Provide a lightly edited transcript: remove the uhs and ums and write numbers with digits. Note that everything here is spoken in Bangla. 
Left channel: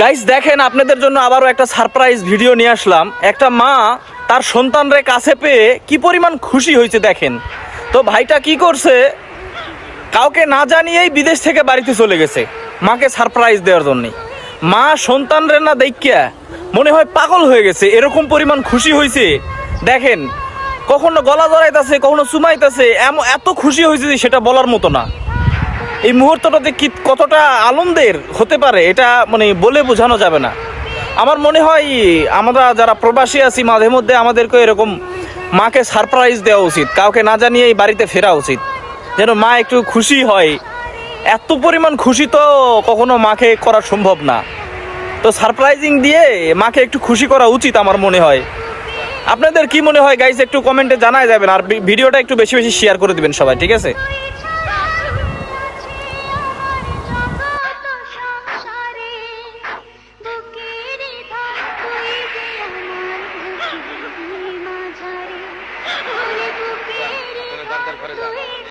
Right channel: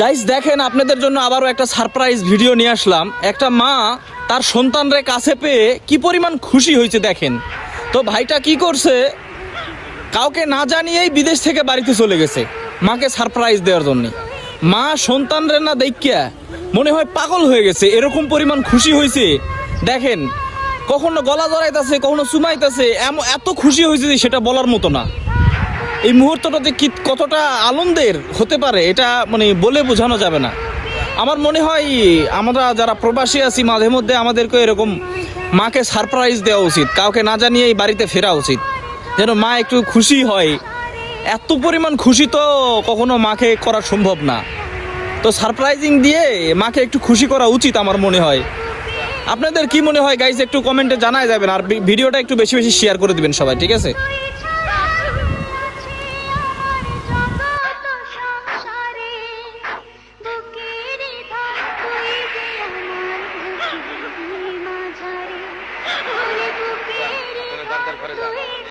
গাইস দেখেন, আপনাদের জন্য আবারও একটা সারপ্রাইজ ভিডিও নিয়ে আসলাম। একটা মা তার সন্তানরে কাছে পেয়ে কি পরিমাণ খুশি হয়েছে দেখেন। তো ভাইটা কি করছে, কাউকে না জানিয়েই বিদেশ থেকে বাড়িতে চলে গেছে মাকে সারপ্রাইজ দেওয়ার জন্য। মা সন্তানরে না দেখিয়া মনে হয় পাগল হয়ে গেছে, এরকম পরিমাণ খুশি হয়েছে দেখেন। কখনো গলা জড়াইতেছে, কখনো চুমাইতেছে, এত খুশি হয়েছে যে সেটা বলার মতো না। এই মুহূর্তটাতে কি কতটা আনন্দের হতে পারে এটা মানে বলে বোঝানো যাবে না। আমার মনে হয় আমরা যারা প্রবাসী আছি মাঝে মধ্যে আমাদেরকে এরকম মাকে সারপ্রাইজ দেওয়া উচিত, কাউকে না জানিয়েই বাড়িতে ফেরা উচিত, যেন মা একটু খুশি হয়। এত পরিমাণ খুশি তো কখনো মাকে করা সম্ভব না। তো সারপ্রাইজিং দিয়ে মাকে একটু খুশি করা উচিত আমার মনে হয়। আপনাদের কি মনে হয় গাইজ, একটু কমেন্টে জানাই যাবেন, আর ভিডিওটা একটু বেশি বেশি শেয়ার করে দিবেন সবাই, ঠিক আছে?